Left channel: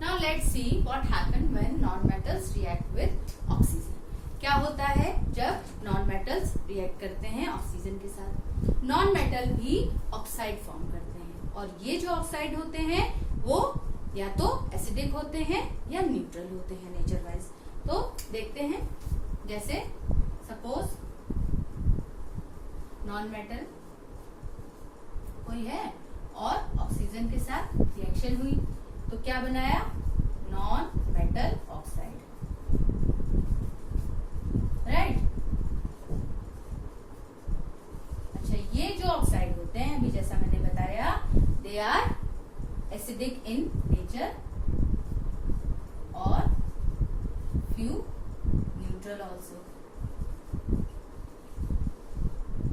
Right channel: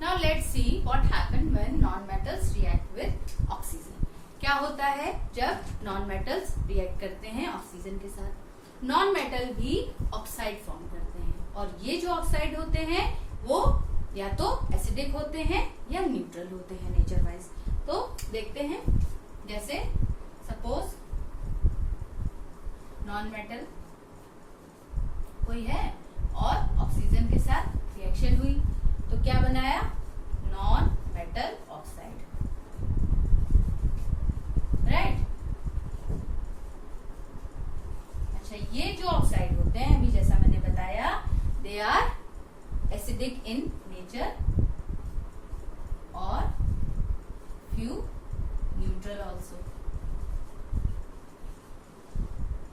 Now let's see what happen when non-metals react with oxygen. क्या होता है जब non-metals react करते हैं ऑक्सीजन के साथ. Non-metal भी ऑक्साइड फॉर्म करते हैं और ये जो ऑक्साइड होते हैं वो या तो एसिडिक होते हैं या न्यूट्रल होते हैं नेचर वाइज. तो देखते हैं, जैसे सपोज नॉन-मेटल कोई है और ऑक्सीजन के साथ रिएक्शन हुई तो क्या बनाया, नॉन मेटल ऑक्साइड. राइट. अच्छा, ये जो ऑक्साइड होते हैं अभी जैसा मैंने बताया, they are acidic in nature और फ्यू न्यूट्रल ऑल्सो.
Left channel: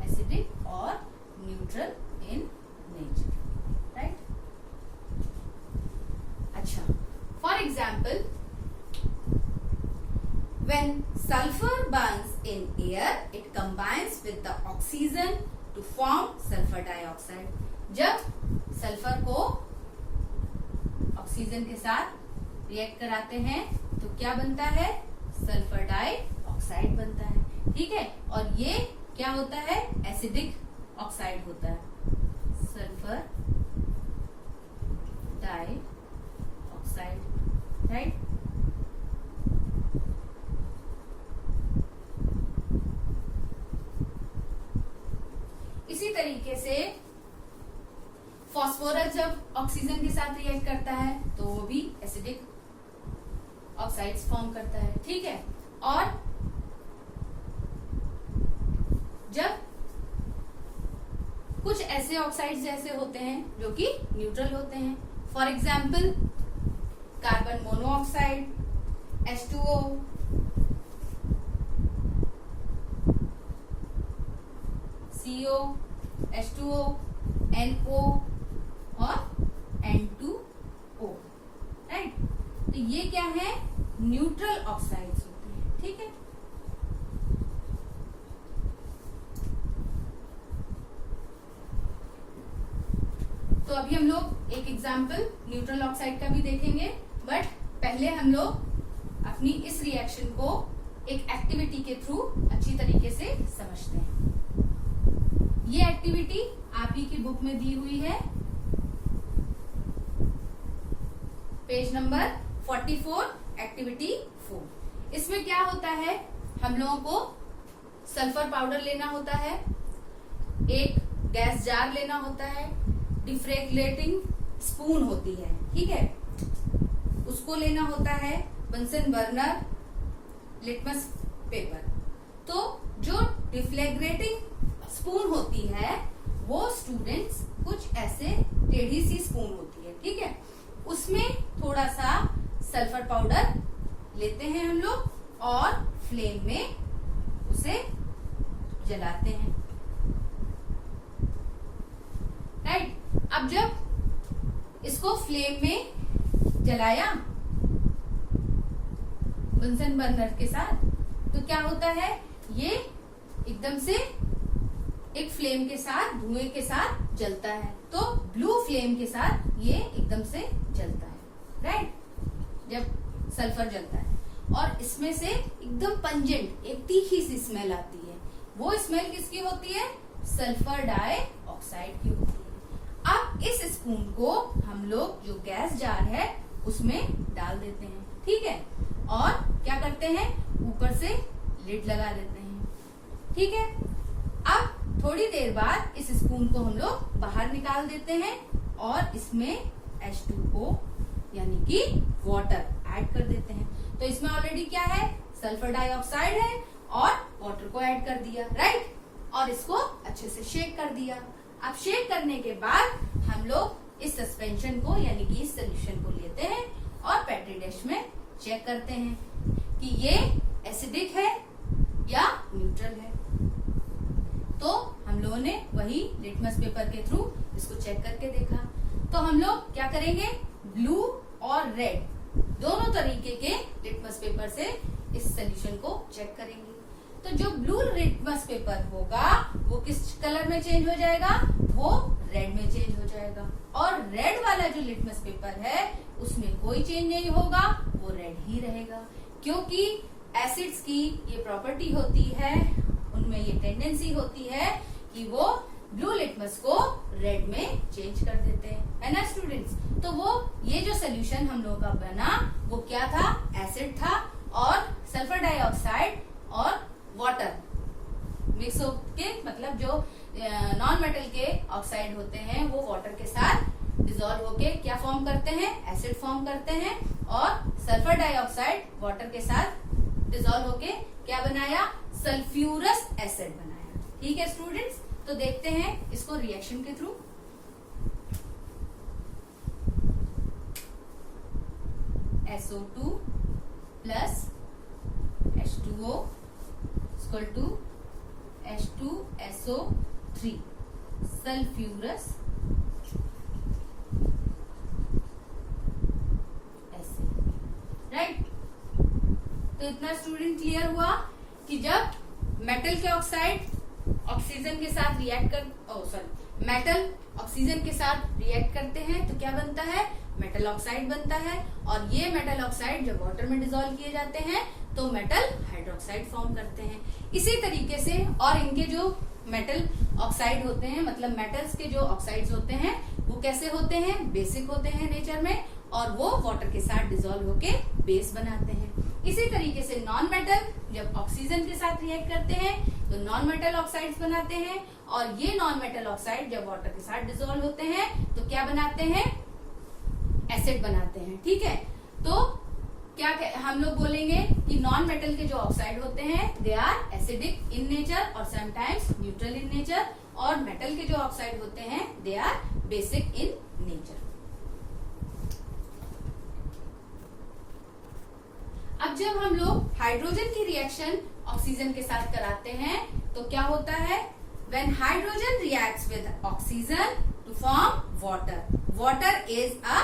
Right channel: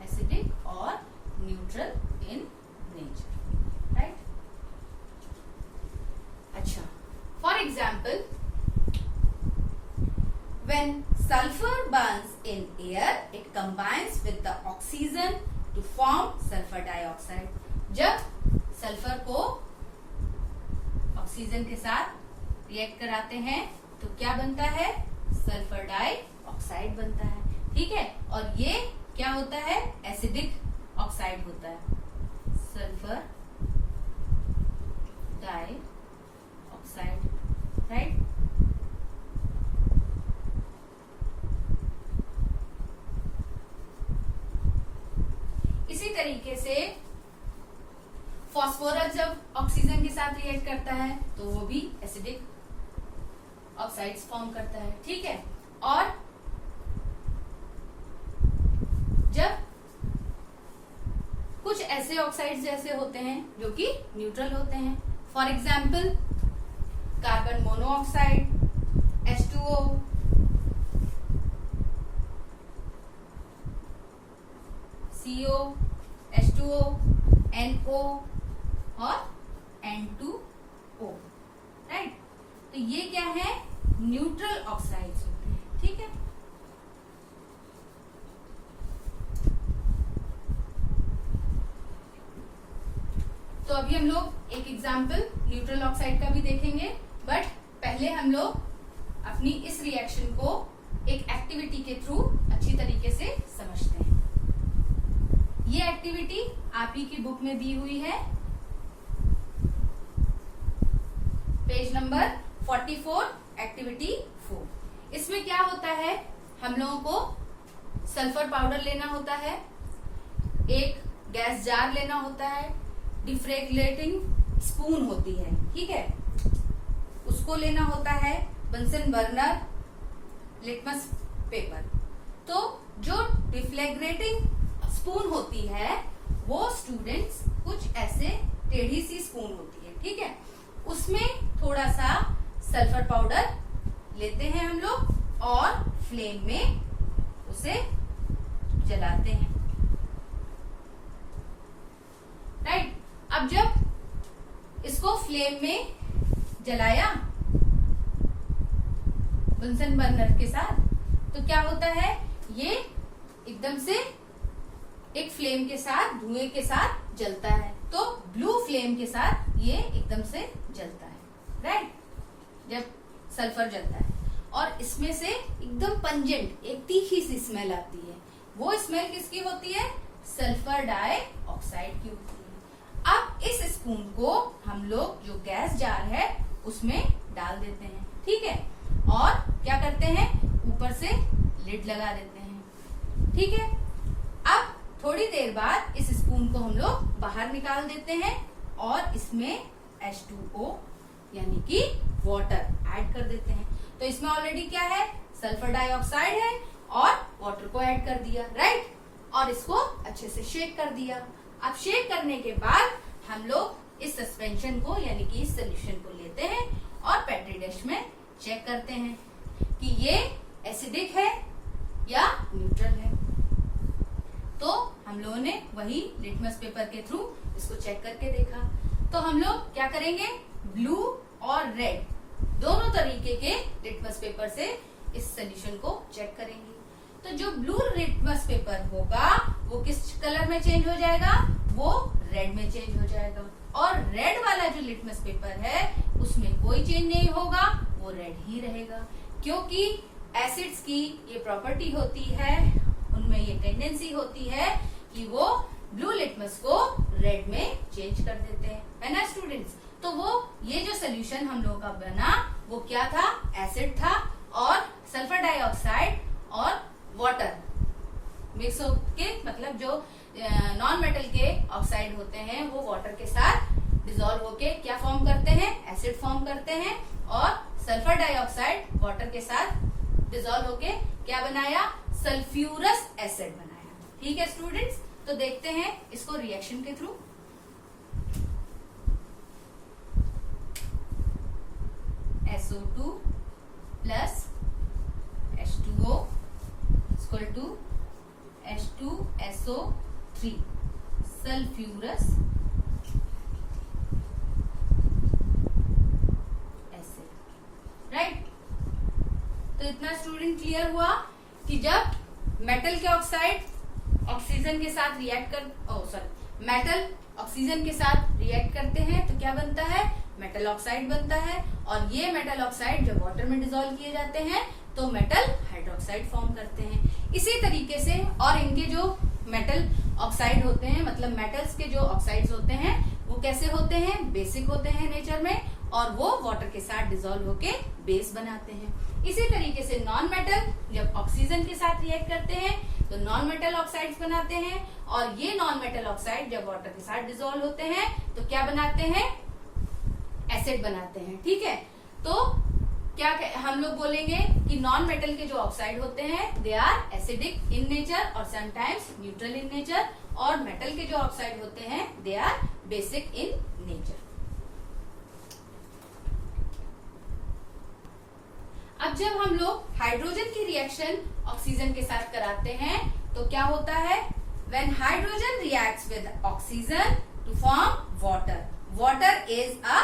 एसिडिक और न्यूट्रल इन नेचर. राइट. अच्छा, for example, when sulfur burns in air, it combines with the oxygen to form sulfur dioxide. जब सल्फर को ऑक्सीजन के साथ रिएक्ट कराते हैं तो क्या बनता है, सल्फर डाइऑक्साइड बनता है. ठीक है. और ये क्या होता है, एसिडिक ऑक्साइड होता है, सल्फर डाइऑक्साइड. राइट. इसी तरीके से फास्फोरस जब ऑक्सीजन के साथ रिएक्ट करता है तो वो भी एसिडिक ऑक्साइड्स फॉर्म करता है. ठीक है. और जब कुछ ऐसे ऑक्साइड्स जैसे होते हैं जो कि न्यूट्रल होते हैं, for example carbon monoxide, H2O, CO, H2O, NO और N2O. राइट. तो ये क्या है, न्यूट्रल ऑक्साइड्स होते हैं. ठीक है. तो अभी हम लोग एक एग्जाम्पल न्यूट्रल ऑक्साइड का भी देखेंगे, बट पहले हम लोग अपनी इस रिएक्शन को एक एक्टिविटी के थ्रू अच्छी तरीके से समझते हैं. ये एक्टिविटी आप ही की बुक में दी हुई है, पेज नंबर 44, एक्टिविटी 4. इसमें क्या होता है, हम लोगों को सल्फर पाउडर लेना होता है, एक गैस जार लेना होता है, डिफ्रेगलेटिंग स्पून होती है. ठीक है. उसको लेना होता है, बंसन बर्नर, लिटमस पेपर. तो जो डिफ्लेग्रेटिंग स्पून होती है वो स्टूडेंट्स कुछ ऐसे टेढ़ी सी स्पून होती है. ठीक है. उसमें थोड़ा सा सल्फर पाउडर लेते हैं हम लोग और फ्लेम में उसे जलाते हैं. राइट. अब जब इसको फ्लेम में जलाया बंसन बर्नर के साथ तो क्या होता है, ये एकदम से एक फ्लेम के साथ, धुएं के साथ जलता है. तो ब्लू फ्लेम के साथ ये एकदम से जलता है. राइट. जब सल्फर जलता है और इसमें से एकदम पंजेंट एक तीखी सी स्मेल आती है. वो स्मेल किसकी होती है, सल्फर डाइऑक्साइड की होती है. अब इस स्पून को हम लोग जो गैस जार है उसमें डाल देते हैं. ठीक है. और क्या करते हैं, ऊपर से लिड लगा देते हैं. ठीक है. अब थोड़ी देर बाद इस स्पून को हम लोग बाहर निकाल देते हैं और इसमें H2O यानी कि वाटर ऐड कर देते हैं. तो इसमें ऑलरेडी क्या है, सल्फर डाइऑक्साइड है और वाटर को ऐड कर दिया. राइट. और इसको अच्छे से शेक कर दिया. अब शेक करने के बाद हम लोग इस सस्पेंशन को यानी कि इस सोल्यूशन को लेते हैं और पेट्री डिश में चेक करते हैं कि ये एसिडिक है या न्यूट्रल है. तो हम लोगों ने वही लिटमस पेपर के थ्रू इसको चेक करके देखा. तो हम लोग क्या करेंगे, ब्लू और रेड दोनों तरीके के लिटमस पेपर से इस सोल्यूशन को चेक करेंगे. तो जो ब्लू लिटमस पेपर होगा वो किस कलर में चेंज हो जाएगा, वो रेड में चेंज हो जाएगा. और रेड वाला जो लिटमस पेपर है उसमें कोई चेंज नहीं होगा, वो रेड ही रहेगा, क्योंकि एसिड्स की ये प्रॉपर्टी होती है, उनमें ये टेंडेंसी होती है कि वो ब्लू लिटमस को रेड में चेंज कर देते हैं, है ना स्टूडेंट्स। तो वो ये जो सोल्यूशन हम लोगों का बना वो क्या था, एसिड था और सल्फर डाइऑक्साइड और वाटर मिक्स होके, मतलब जो नॉन मेटल के ऑक्साइड होते हैं वो वाटर के साथ डिसॉल्व होके क्या फॉर्म करते हैं, एसिड फॉर्म करते हैं, और सल्फर डाइऑक्साइड वाटर के साथ डिसॉल्व होके क्या बनाया, सल्फ्यूरस एसिड बनाया। ठीक है स्टूडेंट्स, तो देखते हैं इसको रिएक्शन के through. SO2 plus H2O equal to H2SO3 sulphurous acid, right. तो इतना स्टूडेंट क्लियर हुआ कि जब मेटल के ऑक्साइड ऑक्सीजन के साथ रिएक्ट मेटल ऑक्सीजन के साथ रिएक्ट करते हैं तो क्या बनता है, मेटल ऑक्साइड बनता है, और ये मेटल ऑक्साइड जब वाटर में डिसॉल्व किए जाते हैं तो मेटल हाइड्रोक्साइड फॉर्म करते हैं। इसी तरीके से और इनके जो मेटल ऑक्साइड होते हैं, मतलब मेटल्स के जो ऑक्साइड्स होते हैं वो कैसे होते हैं, बेसिक होते हैं नेचर में, और वो वाटर के साथ डिसॉल्व होके बेस बनाते हैं। इसी तरीके से नॉन मेटल जब ऑक्सीजन के साथ रिएक्ट करते हैं तो नॉन मेटल ऑक्साइड्स बनाते हैं, और ये नॉन मेटल ऑक्साइड जब वाटर के साथ डिसॉल्व होते हैं तो क्या बनाते हैं, एसिड बनाते हैं। ठीक है, तो क्या हम लोग बोलेंगे कि नॉन मेटल के जो ऑक्साइड होते हैं they are acidic in nature और समटाइम्स न्यूट्रल इन नेचर, और मेटल के जो ऑक्साइड होते हैं they are basic in nature. अब जब हम लोग हाइड्रोजन की रिएक्शन ऑक्सीजन के साथ कराते हैं तो क्या होता है, when hydrogen reacts with oxygen to form water, water is a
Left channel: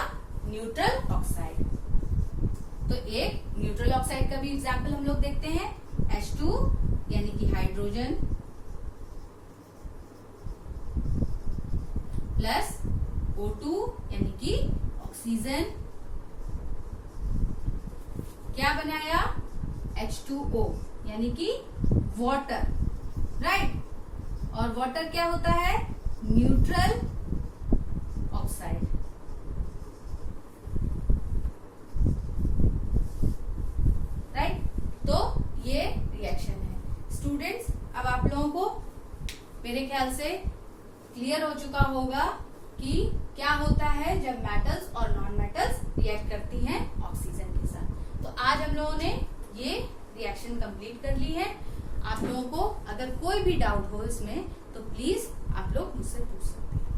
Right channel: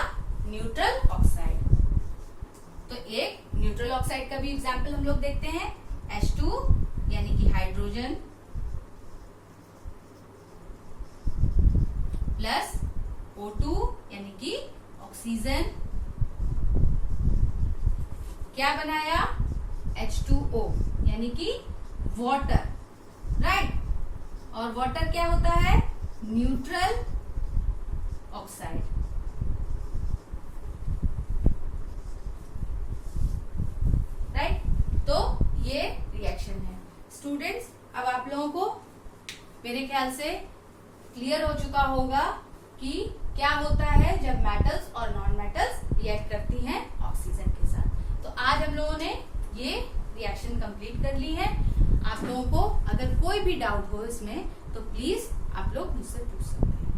neutral oxide. तो एक न्यूट्रल ऑक्साइड का भी एग्जाम्पल हम लोग देखते हैं, H2 यानी कि हाइड्रोजन प्लस O2 यानी कि ऑक्सीजन, क्या बनाया, H2O यानी कि वाटर, राइट। और वाटर क्या होता है, न्यूट्रल ऑक्साइड, राइट। तो ये रिएक्शन है स्टूडेंट्स। अब आप लोगों को मेरे ख्याल से क्लियर हो चुका होगा कि क्या होता है जब मेटल्स और नॉन मेटल्स रिएक्ट करती हैं ऑक्सीजन के साथ। तो आज हम लोगों ने ये रिएक्शन कंप्लीट कर ली है। आप लोगों को अगर कोई भी डाउट हो इसमें तो प्लीज आप लोग मुझसे पूछ सकते हैं।